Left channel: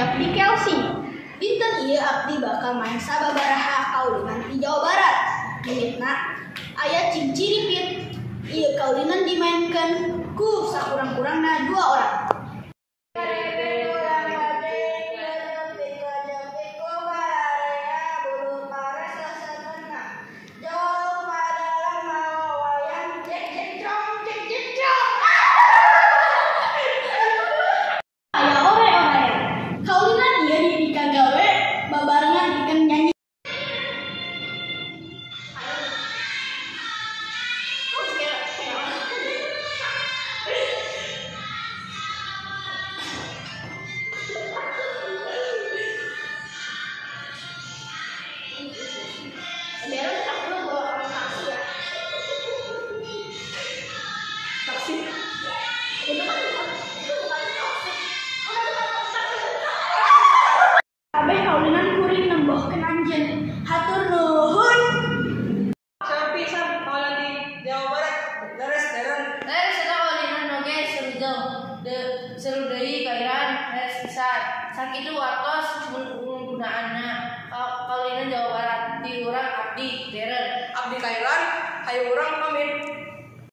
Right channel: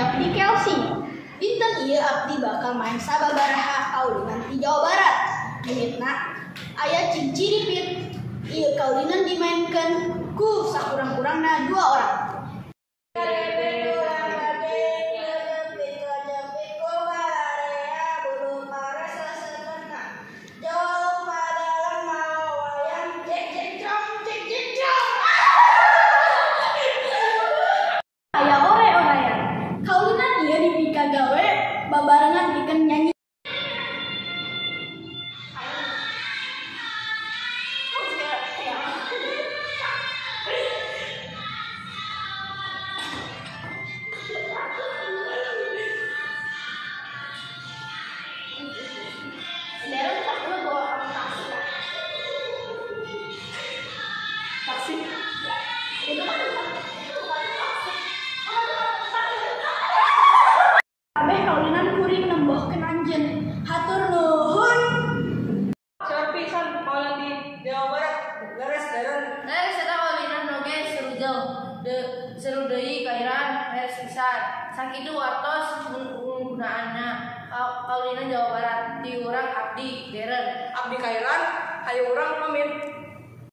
Abdi Kelsey. Dinten ieu abdi bakal main sababaraha kaulinan di Jawa Barat. Mimmitna aya ciri-ciri ieu kaulinan dimainkeun ku sakurang-kurangna 2 orang. Babarengan bikin nyanyi. Taksi. Kabeh kaulinan kuring nembohkeun anjeun. Hatur nuhun. Saur pisan kaulinan di Jawa Barat. Leres eta kaulinan oge seru deui kairan leres pisan. Sakitu wartos penggunaanna kaulinan Jawa Barat. Di urang abdi deren. Abdi kairan hayu urang pamit.